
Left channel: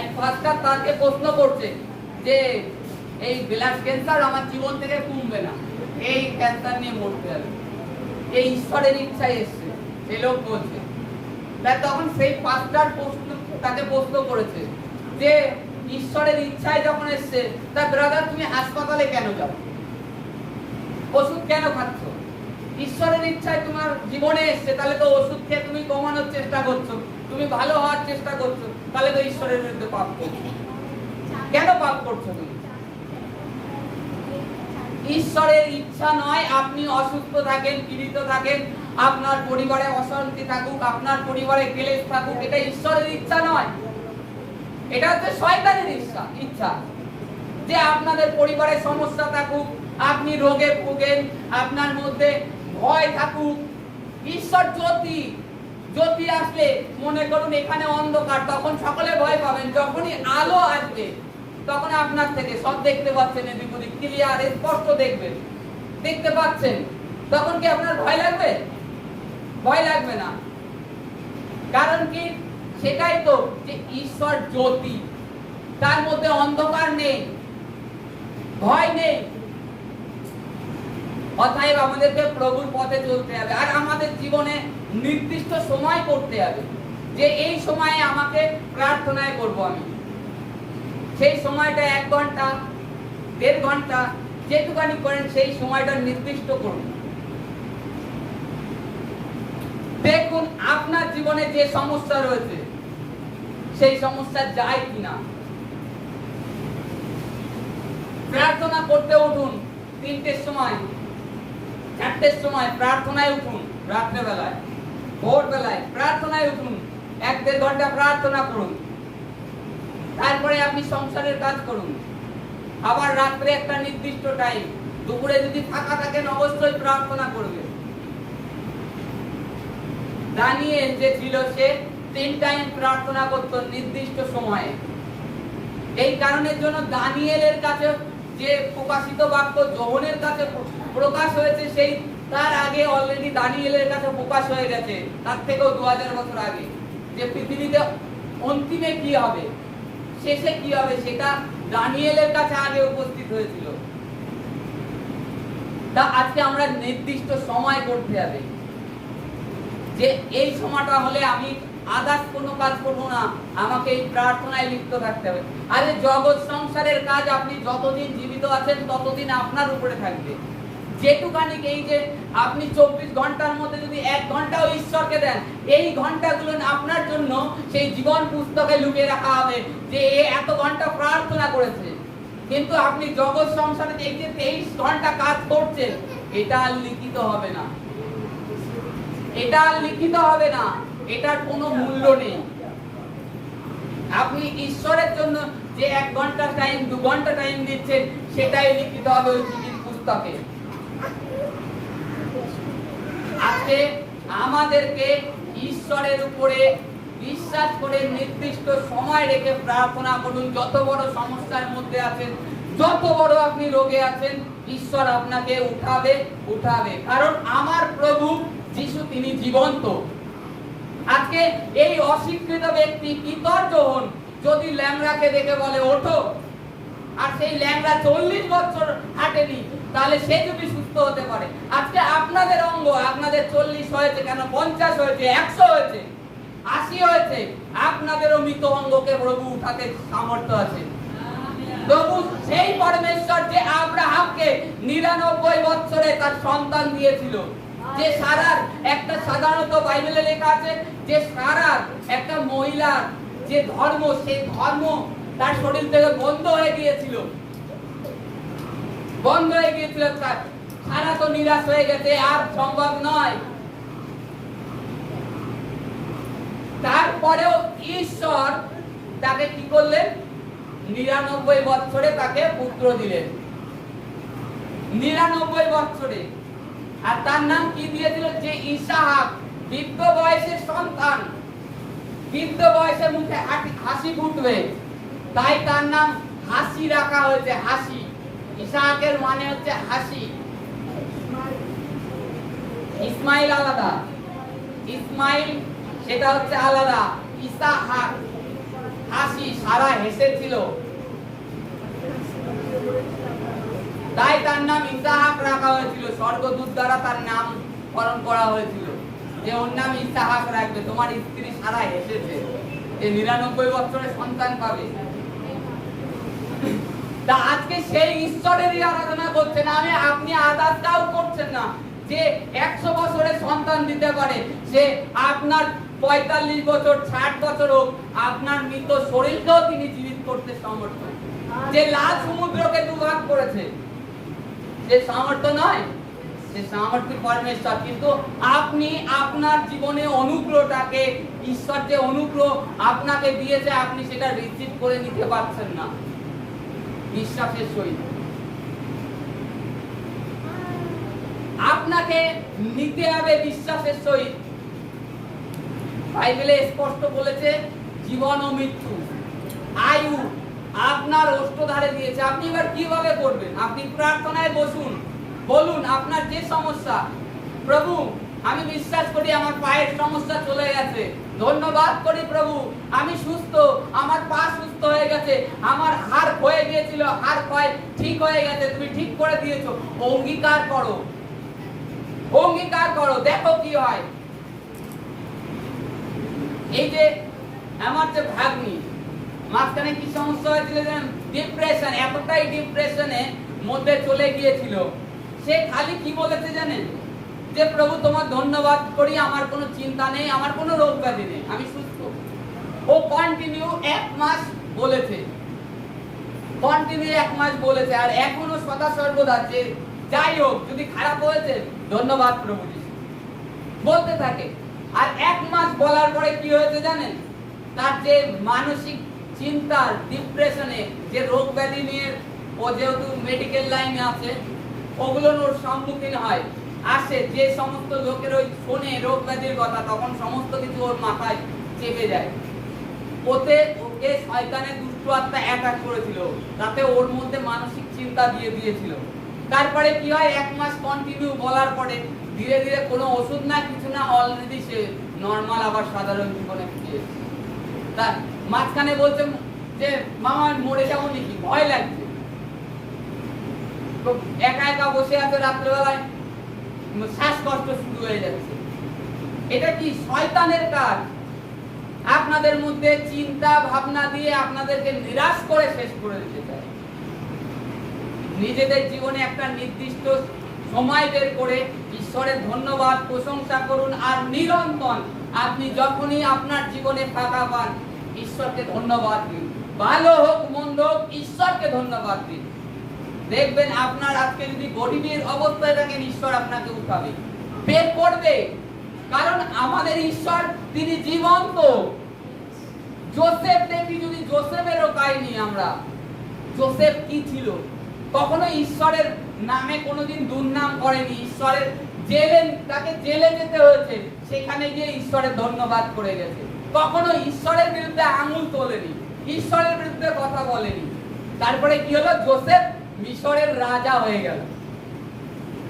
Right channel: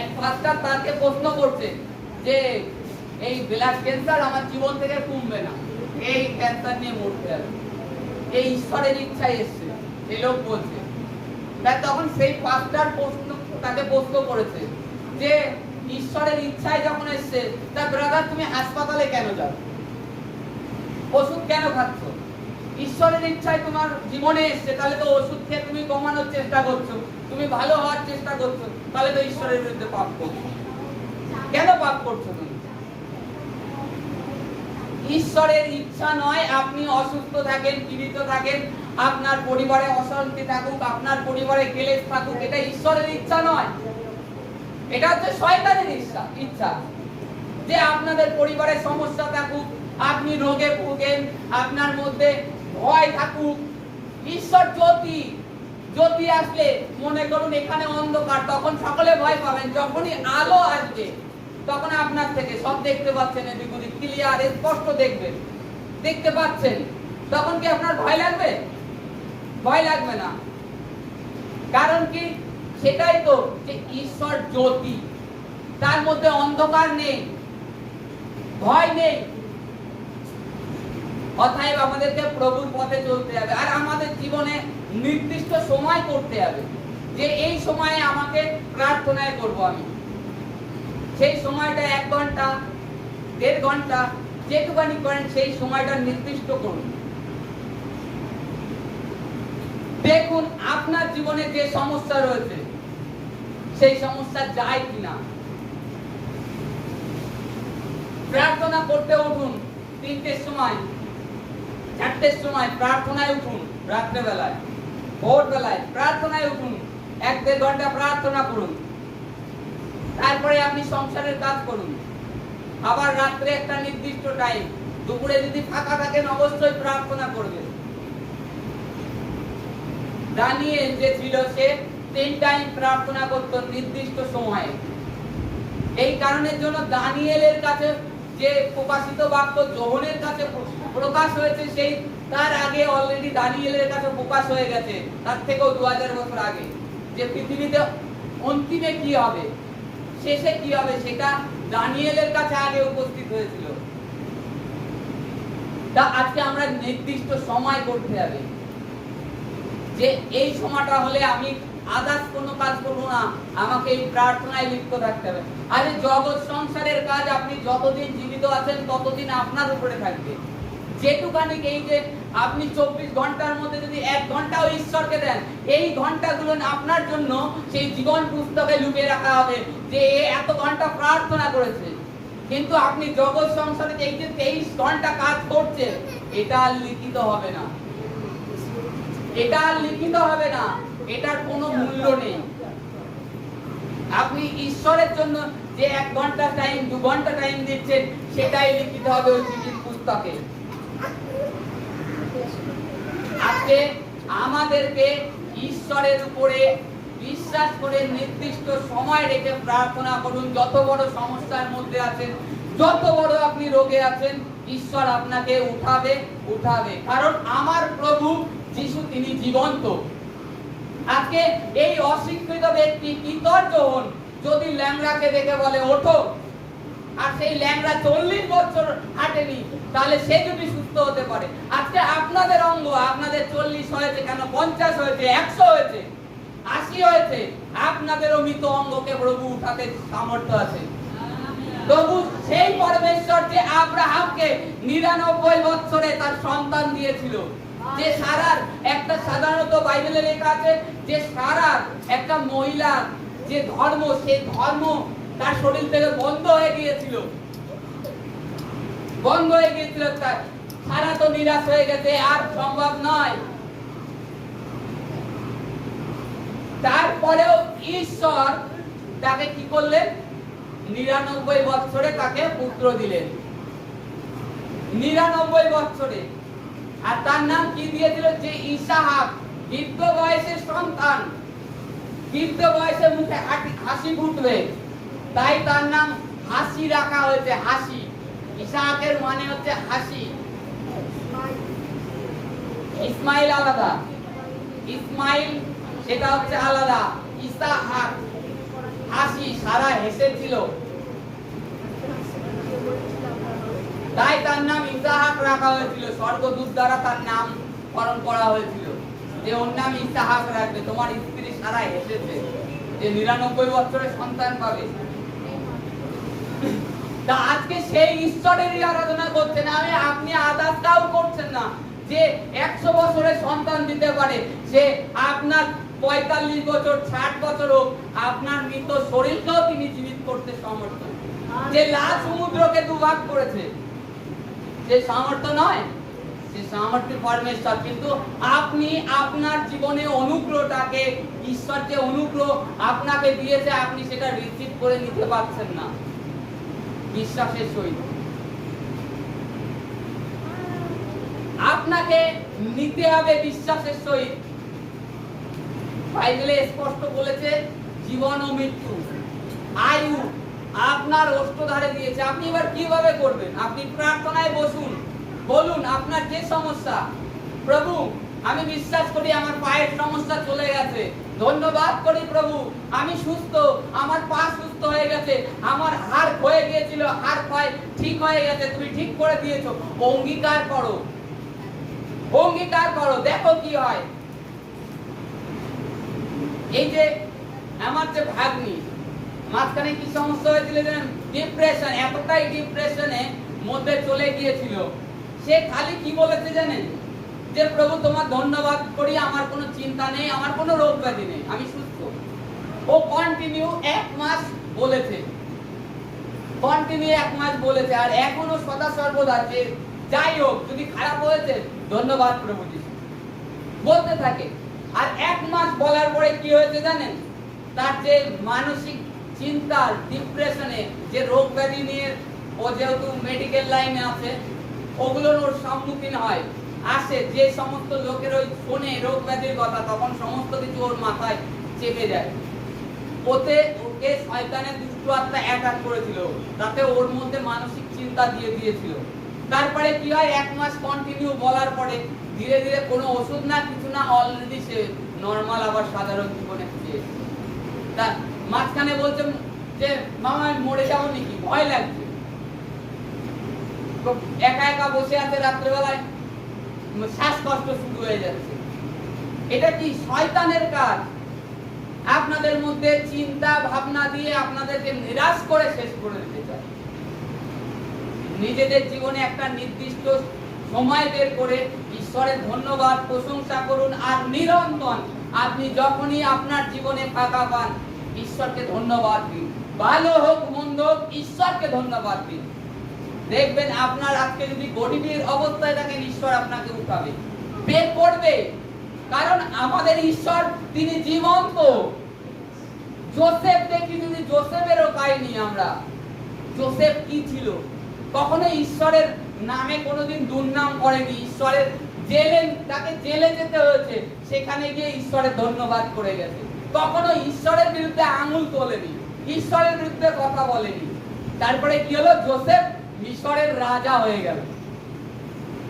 এক পাস্টার তাকে প্রশ্ন করছে যে এই ব্লাড ক্যান্সার আমার জীবন থেকে কমবে না, এই ক্যান্সার নিয়ে মরতে হবে, এই ঈশ্বরের ইচ্ছাই এসছে, এই লোক বলছে। তাই তখন সেই পাস্টার তাকে প্রশ্ন করেছে যে ঈশ্বরের ইচ্ছাই যখন এসছে, তা ব্রাদার তুমি হাসপাতালে কেন যাও, ওষুধ কেন খাচ্ছ? ঈশ্বরের ইচ্ছায় তোমার জীবনে এসছে, তাহলে তো ওষুধ খেয়ে তুমি কমানোর চেষ্টা করছো, তুমি ভালো হওয়ার চেষ্টা করছো, তাহলে তো ঈশ্বরের বিরুদ্ধে পাপ করছো। কেন পাপ করছো তুমি? ঈশ্বরের ইচ্ছা নয় আপনি অসুস্থ থাকেন, পীড়িত থাকেন, আপনার পরিবারে অশান্তি থাকুক, আপনার পরিবারে ক্লেশ থাকুক, এটা ঈশ্বরের ইচ্ছা নয়। এটা হচ্ছে শয়তানের ইচ্ছা যে আপনাদের পরিবারে সমস্যা থাকুক, আপনি রোগে ভোগেন, আপনার মধ্যে ভয় থাকুক। ঈশ্বর জ্যোতি আসলে, মনে করুন এখানে অন্ধকার, তখন সকলে ভয় পাবেন। যখনই আলো আসবে, তখন আপনার থেকে সব দেখতে পাচ্ছেন, এদিক ওদিক ক্লিয়ার, স্পষ্ট দেখবেন, দেখতে পাচ্ছেন, তখন কি আপনার ভয় লাগবে? ভয় লাগবে না। কারণ কি? সেটাই তো, যে ঈশ্বর জ্যোতি, তার মধ্যে অন্ধকার নেই, ভয় নেই। অতএব আমাদেরকে প্রভুর পথে চলতে হবে, আর আমাদের জীবনে নির্দিষ্ট সময় করতে হবে যে এই সময়ে আমাকে প্রার্থনায় করব। আমি সেই সময়টা 1 ঘন্টা, 1.5 ঘন্টা, যেটুকানি করেন সেই সময়টা নির্দিষ্ট করুন। দেখুন আপনার জীবনে যে সমস্যা রয়েছে, সেই সমস্যা যায় কিনা। প্রার্থনা করতে উঠুন 3টের সময়, 4টের সময় প্রার্থনায় উঠুন, রাত্রেবেলায়, ভোরবেলায় প্রার্থনায় উঠুন, 1-1.5 ঘন্টা প্রার্থনা করুন। তারপরে আপনি সংসারের কাজ করুন। আবার রাত্রে একটা নির্দিষ্ট টাইম, দুপুরে যদি ফাঁকা থাকেন অবশ্যই প্রার্থনা করবেন। দানিয়েল যে ছিল, সে 3 টাইম প্রার্থনা করত নির্দিষ্ট সময়ে। এই কারণের জন্য দানিয়েলের কাছে যে প্রকাশিত বাক্য যোহনের কাছে প্রকাশ হয়েছে, সেই তার আগে অলরেডি দানিয়েলের কাছে প্রকাশ হয়ে গেছে, তার থেকেও 2000 বছর আগে, যে পৃথিবীতে অন্তিমে কি হবে, শেষে কি হবে, সেটা দানিয়েলের কাছে আগে উপস্থিত হয়েছিল। তা আজকে আমরা নির্দিষ্ট সময় করতে হবে, যে এই সময়টা হলে আমি আদার্স কোনো কাজ করবো না, আমাকে এই প্রার্থনায় লিপ্ত থাকতে হবে। আরে জগৎ সংসারের কাজ আপনি যতদিন জীবিত আছেন ততদিন আপনার উপরে থাকবে। যেটুকানি এই যে আপনি 24 ঘন্টার মধ্যে যদি 1 ঘন্টাও ঈশ্বরকে দেন, এই ঘন্টাগুলো আপনার জন্য সেই জীবন পুস্তকে লুকিয়ে রাখা হবে যে এ এত ঘন্টা প্রার্থনা করেছে। কিন্তু আপনি জগৎ সংসারে এই যে 23 ঘন্টা কাজ করছেন, এটা আর লিখিত হবে না, এটা আর লিখিত হবে না, এটার কোনো মূল্য নেই। আপনি ঈশ্বরের জন্য যে 1 ঘন্টা টাইম 2 ঘন্টা টাইম দিচ্ছেন, সেটাই লিখিত হবে ওই চিঠির পুস্তকে। আজকে আমাদেরকে ঈশ্বরের উপরে বিশ্বাস করে নির্দিষ্ট সময় রেখে প্রার্থনা করুন। যত বড় সমস্যার মধ্যে আছেন, যত বড় আপনি রোগে আছেন, ঈশ্বর আপনাকে উঠাবে। কারণ আমার প্রভু যিশু তিনি জীবন্ত। আজকে এই অশিক্ষিত ব্যক্তি কৃতজ্ঞ হন যদি ল্যাংড়াকে দেখে বলে ওঠো, আর সেই ল্যাংড়া 40 বছর হাঁটেনি, তাহলে সে যদি সুস্থ হতে পারে। আজকে আপনাদের অঙ্গ, আপনাদের 40 হয়েছে কেন, 50 হয়েছে, 100 হয়েছে, 80 হয়েছে, আপনাদেরও মৃত অঙ্গকে প্রভু উঠাতে সামর্থ্য আছে। প্রভু সেই পরমেশ্বর যে আব্রাহামকে 99 বছরে তার সন্তান দিয়েছিল, যে সারার একটা সাধারণত বাইবেলে লেখা আছে যে সারার একটা মহিলার যে ধর্ম, সেই ধর্ম তার শরীর থেকে বন্ধ হয়ে গিয়েছিল, সারা তো নিরাশ হয়ে গেছে, আর সম্ভব নয়। তারপরেও ঈশ্বর তাকে কি করলেন, 99 বছরে তাকে পুত্র দিলেন, 99 বছরে। আর তার নাম কি দিয়েছিল, যে ইসাহাক, বৃদ্ধ বয়সের সন্তান, বৃদ্ধ বয়সে মুখে হাসি ফুটবে, তাই তার নাম হাসি রাখা হয়েছে, হাসি। ইসাহাকের মানে হচ্ছে হাসি। ইসমাইল আলাদা, ইসমাইল সেটা হচ্ছে আলাদা, ইসাহাক হাসি, সারা হেসেছিল, তাই তার নাম ইসাহাক রাখা হয়েছিল। স্বর্গদূত দ্বারা তার নাম করণ করা হয়েছিল যে ওর নাম ইসাহাক রাখবে, তোমার স্ত্রী সারা হেসেছে যে 99 বছরের সন্তান পাবে। তা আজকে সেই ঈশ্বরেরই আরাধনা করছেন, আপনি আদারটাও করছেন না যে 100 বছরের সন্তান দিতে পারে। সে আপনার 45 বছর 60 বছর হোক, আপনার মৃত শরীরকেও তিনি জীবিত করতে সমর্থ। যে লাল সমুদ্রকে দুভাগ করেছে, যে সামর্থ্য নয়, সে সামর্থ্য পরমেশ্বর। কিন্তু আপনি আপনার জীবনে অনুগ্রহটাকে, ঈশ্বর যে অনুগ্রহ আপনাকে দিয়েছে, আপনি সেটা রিসিভ করে নিতে পারছেন না বিশ্বাসের সহিত। আপনাকে নিতে হবে বিশ্বাসের সহিত। বাইবেলে স্পষ্ট বলেছে জীবন ও মৃত্যু, আয়ু আপনার ওষ্ঠধারে দিয়েছে। আপনি এবার কিভাবে করবেন? আপনি প্রার্থনায় বসুন, বলুন আপনার যে সমস্যা, প্রভু আমি বিশ্বাস করি আমার পায়ের সমস্যা চলে গেছে, ধন্যবাদ করি প্রভু আমি সুস্থ, আমার পা সুস্থ হয়ে গেছে, আমার হাড় ক্ষয়ে গিয়েছিল, হাড় ক্ষয় ঠিক হয়ে গেছে, তুমি ঠিক করে দিয়েছো। অঙ্গীকার করো, অঙ্গীকার করো, দেখো কি হয়। এই যে আমার যে ভাগ্নি, মাঝখানে কি সমস্যা হয়েছিল, ডিপ্রেশন, এতটাই ডিপ্রেশনে মধ্যে চলে গিয়েছিল, সে খালি কি বলেছে জানেন, যে প্রভু তোমার ধন্যবাদ করি, আমার কোনো চিন্তা নেই, আমার কোনো রোগ ব্যাধি নেই, আমি সুস্থ। ও কন্টিনিউ 1 মাস বলেছে, কন্টিনিউ 1 মাস বলেছে, আর এখনো সদা সর্বদা যে যাই হোক, যদি খারাপ হয়েছে ধন্যবাদ প্রভু যিশু বলতে থাকে। আর 1 মাস বলার পরে কি হয়েছে জানেন, তার যে মানসিক চিন্তার ডিপ্রেশনে যে রোগ ব্যাধি নিয়ে, ও যেহেতু মেডিকেল লাইনে আছে, ওগুলোর ওর সম্মুখীন হয়, আসে, যে সমস্ত লোকের ওই শোনে রোগ ব্যাধির কথা, তখন সমস্ত কিছু ওর মাথায় চেপে যায়। ওতে ওকে শয়তানের দুষ্ট আত্মা অ্যাটাক করেছিল, তাতে ওর মধ্যে মানসিক চিন্তা দিয়ে দিয়েছিল। তারপরে কি হয়, 1 মাস কন্টিনিউ বলার পরে ধীরে ধীরে কোনো ওষুধ না কিছু না, অলরেডি সে নরমাল আবার সাধারণ জীবনে ফিরে এসেছে। তা মাঝখানে বলছে যে মামা আমি মরে যাবো নাকি, ভয় লাগছে, একা একা বসে আছে, রাত্রেবেলায় শ্বাসকষ্ট শুরু হয়ে যাচ্ছে। এটা কি শয়তানের কাজ, আপনাদের মধ্যে চিন্তা ভাবনা দিয়ে আপনাদেরকে নিরাশ করে শেষ করে দিতে চায়। নিজেদের জীবনে একটা নির্দিষ্ট সময় বের করে ঈশ্বরের ধন্যবাদ প্রশংসা করুন, আর নিরন্তর আপনি যখনই আপনার জীবনে ফাঁকা পান ঈশ্বরকে ধন্যবাদ দিন। ভালো হোক মন্দ হোক ঈশ্বরকে ধন্যবাদ দিন। দেখবেন আপনার আজকে যদি গরিবের অবস্থায় থাকেন ঈশ্বর আপনাকে উঠাবে, বের করবে, কারণ আমাদের ঈশ্বর তিনি জীবন্ত। যোসেফ দেখি, যদি যোসেফেরও কাহিনী আমরা, যোসেফ কি ছিল? কখনো ঈশ্বরের নামে কোনোদিন দুর্নাম করেনি। ঈশ্বরের জেলে, তাকে জেলে যেতে হয়েছে, সেখানে গিয়ে ঈশ্বরের ধন্যবাদ করে গেছে। কখনো ঈশ্বরের বিরুদ্ধে আঙুল তোলেনি, ঈশ্বরের বিরুদ্ধে কথা বলেনি। তারপরে কি হলো? যোসেফ মিশরের রাজা হয়ে গেল।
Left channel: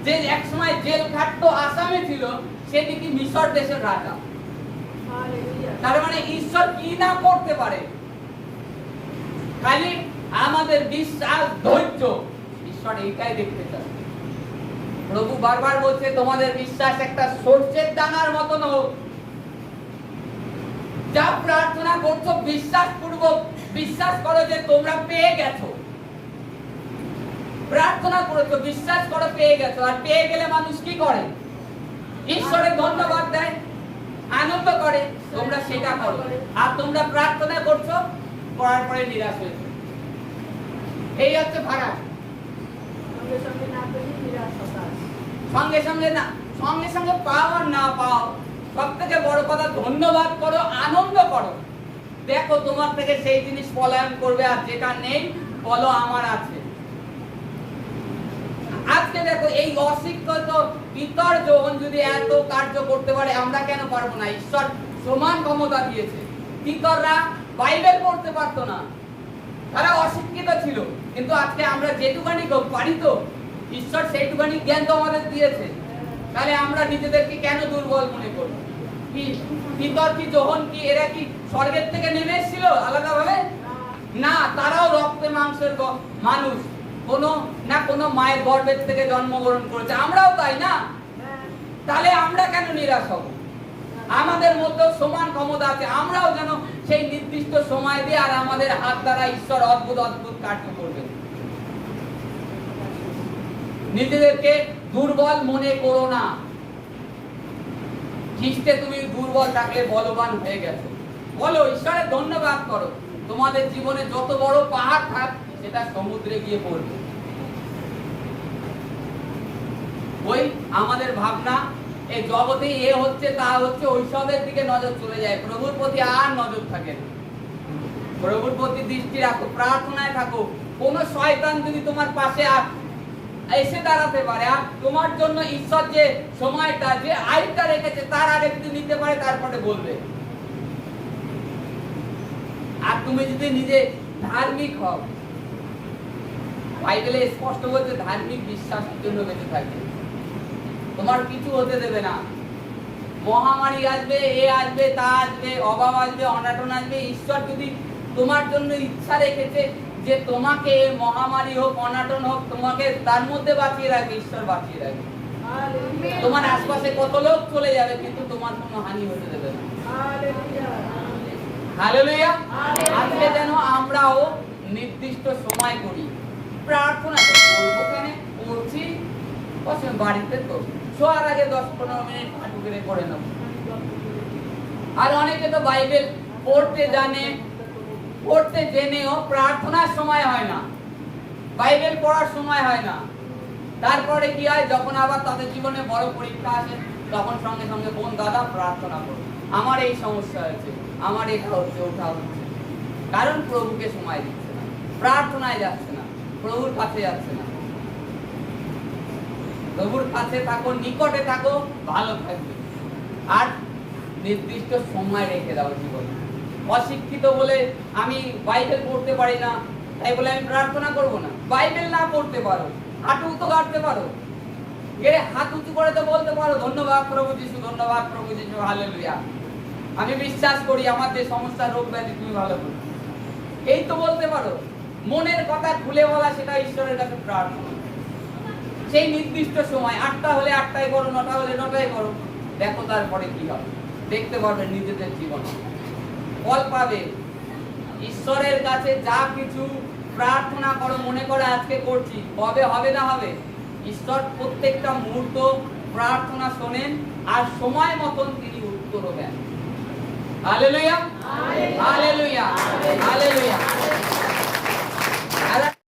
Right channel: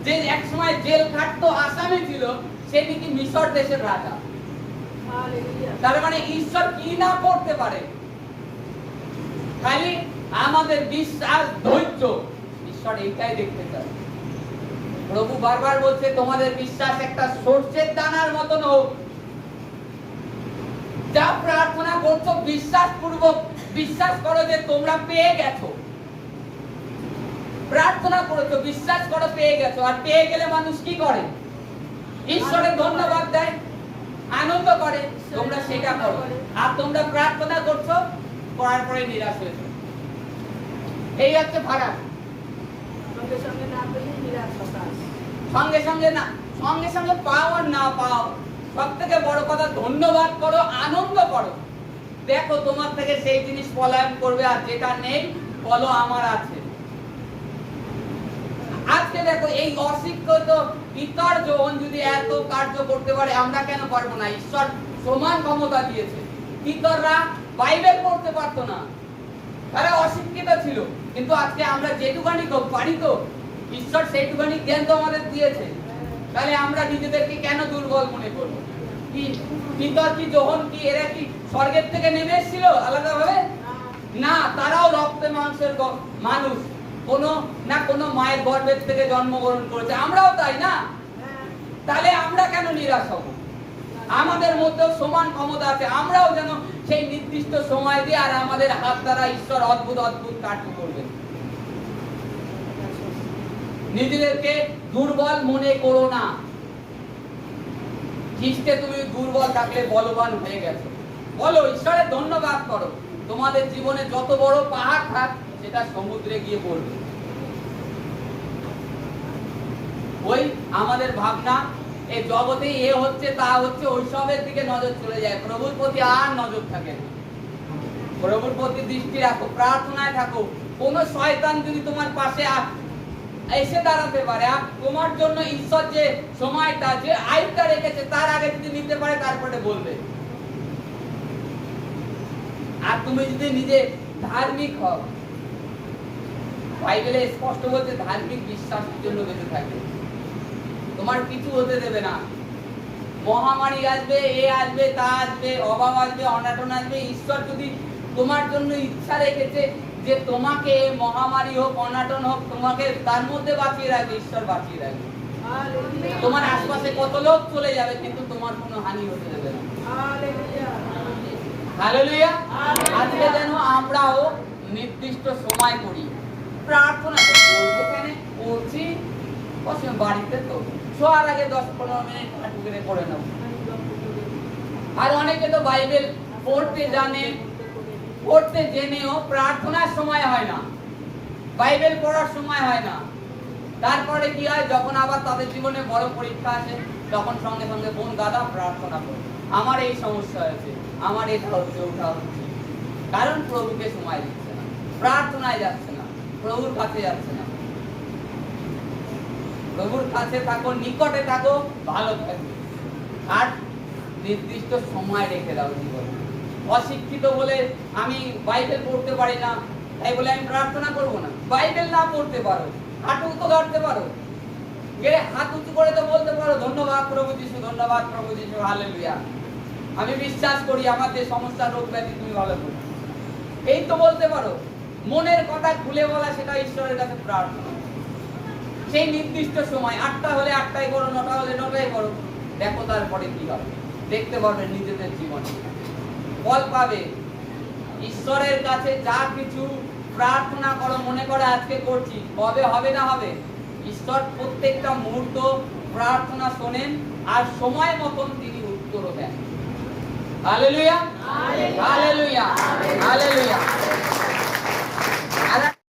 যে একসময় জেল খাটতো আসামি ছিল, সেদিকে মিশর দেশের রাজা। তার মানে ঈশ্বর কি না করতে পারে, খালি আমাদের বিশ্বাস ধৈর্য। ঈশ্বর এইটাই দেখতে চায়। প্রভু বারবার বলছে তোমাদের বিশ্বাস একটা সরষের দানার মতন হোক। যা প্রার্থনা করছো বিশ্বাস পূর্বক বিশ্বাস করো যে তোমরা পেয়ে গেছো। প্রার্থনা করেছো, বিশ্বাস করো পেয়ে গেছো। আর পেয়ে গেলে মানুষ কি করে? ঈশ্বরের ধন্যবাদ দেয়, আনন্দ করে। তোমরা সেটা করো। আর তোমরা প্রার্থনা করছো, করার পরে নিরাশ হয়েছো। এই হচ্ছে ফারাক। সঙ্গে সঙ্গে না, সঙ্গে সঙ্গে পাও আর না পাও, সব থেকে বড় কথা ধন্যবাদ করো, আনন্দ করো। দেখো তোমার থেকে সেই জিনিস পলায়ন করবে, আর যেটা নেই বলো আমার আছে। আজকে দেখো এই অশিক্ষিত পিতর যখন যদি এত কার্য করতে পারে, আমরা কেন পারবো না? ঈশ্বর সমান ক্ষমতা দিয়েছে। পিতররা বাইবেল পড়তে পারতো না, তারা অশিক্ষিত ছিল, কিন্তু আজকে আমরা যেটুকানি পারি তো ঈশ্বর সেইটুকানি জ্ঞান তো আমাদের দিয়েছে। তাহলে আমরা নিজেদেরকে কেন দুর্বল মনে করবো? কি পিতর কি যোহন কি এরা কি স্বর্গের থেকে নেমে এসেছিল আলাদা ভাবে? না, তারাও রক্তে মাংসের মানুষ, কোনো না কোনো মায়ের গর্ভের থেকে জন্মগ্রহণ করেছে। আমরাও তাই না? তাহলে আমরা কেন নিরাশ হব? আমাদের মধ্যেও সমান ক্ষমতা আছে। আমরাও যেন সেই নির্দিষ্ট সময় দিয়ে আর আমাদের হাত দ্বারা ঈশ্বর অদ্ভুত অদ্ভুত কার্য করবে। নিজেদেরকে দুর্বল মনে করো না। খ্রিস্টে তুমি দুর্বল থাকলে বলবান হয়ে গেছো। বলো, ঈশ্বরের ধন্যবাদ করো। তোমাদের জীবনে যত বড় পাহাড় থাক, সেটা সমুদ্রে গিয়ে পড়বে। ওই আমাদের ভাবনা এই জগতে এ হচ্ছে তা হচ্ছে, ওইসবের দিকে নজর চলে যায়, প্রভুর প্রতি আর নজর থাকে না। প্রভুর প্রতি দৃষ্টি রাখো, প্রার্থনায় থাকো। কোন শয়তান যদি তোমার পাশে এসে দাঁড়াতে পারে, আর তোমার জন্য ঈশ্বর যে সময়টা যে আয়টা রেখেছে তার আগে যদি নিতে পারে, তারপরে বলবে। আর তুমি যদি নিজে ধার্মিক হও, বাইবেলে স্পষ্ট বলছে ধার্মিক বিশ্বাসের জন্য বেঁচে থাকবে, তোমার কিছু হতে দেবে না। মহামারী আসবে, এ আসবে, তা আসবে, অভাব আসবে, অনাটন আসবে, ঈশ্বর যদি তোমার জন্য ইচ্ছা রেখেছে যে তোমাকে মহামারী হোক অনাটন হোক তোমাকে তার মধ্যে বাঁচিয়ে রাখবে, ঈশ্বর বাঁচিয়ে রাখবে। তোমার আশপাশে কত লোক চলে যাবে, কিন্তু তোমার কোনো হানি হতে দেবে না। হালেলুয়া। আজকে যেন আমরাও নির্দিষ্ট সময় করি। প্রার্থনা করবো কেন? করছি বাড়িতে তো শোয়ার আগে 10-15 মিনিট হাঁটু গেড়ে করে নেব। আর অনেকে তো বাইবেল পড়তে জানে, পড়তে জেনেও প্রার্থনার সময় হয় না, বাইবেল পড়ার সময় হয় না। তারপরে কি হয়? যখন আবার তাদের জীবনে বড় পরীক্ষা আসে, তখন সঙ্গে সঙ্গে বোন দাদা প্রার্থনা করো, আমার এই সমস্যা হয়েছে, আমার এটা হচ্ছে, ওটা হচ্ছে। কারণ প্রভুকে সময় দিচ্ছে না, প্রার্থনায় যাচ্ছে না, প্রভুর কাছে যাচ্ছে না। প্রভুর কাছে থাকো, নিকটে থাকো, ভালো থাকবে। আর নির্দিষ্ট সময় রেখে দাও জীবনে। অশিক্ষিত বলে আমি বাইবেল পড়তে পারি না, তাই বলে আমি প্রার্থনা করব না। বাইবেল না পড়তে পারো, হাঁটু তো গাড়তে পারো, গেলে হাত উঁচু করে তো বলতে পারো ধন্যবাদ প্রভু যিশু, ধন্যবাদ প্রভু যিশু, হালেলুয়া। আমি বিশ্বাস করি আমার যে সমস্যা রোগ ব্যাধি তুমি ভালো করো, এই তো বলতে পারো। মনের কথা খুলে বলা, সেটা ঈশ্বরের কাছে প্রার্থনা। সেই নির্দিষ্ট সময় 8টা হলে 8টায় করো, 9টা হলে 9টায় করো। দেখো তারপরে কি হবে, দেখতে পারবে নিজেদের জীবনে। ফল পাবে। ঈশ্বরের কাছে যা কিছু প্রার্থনা করো, মনে করো আজকে করছি, কবে হবে না হবে? ঈশ্বর প্রত্যেকটা মুহূর্ত প্রার্থনা শোনেন আর সময় মতন তিনি উত্তরও দেন। Hallelujah, hallelujah.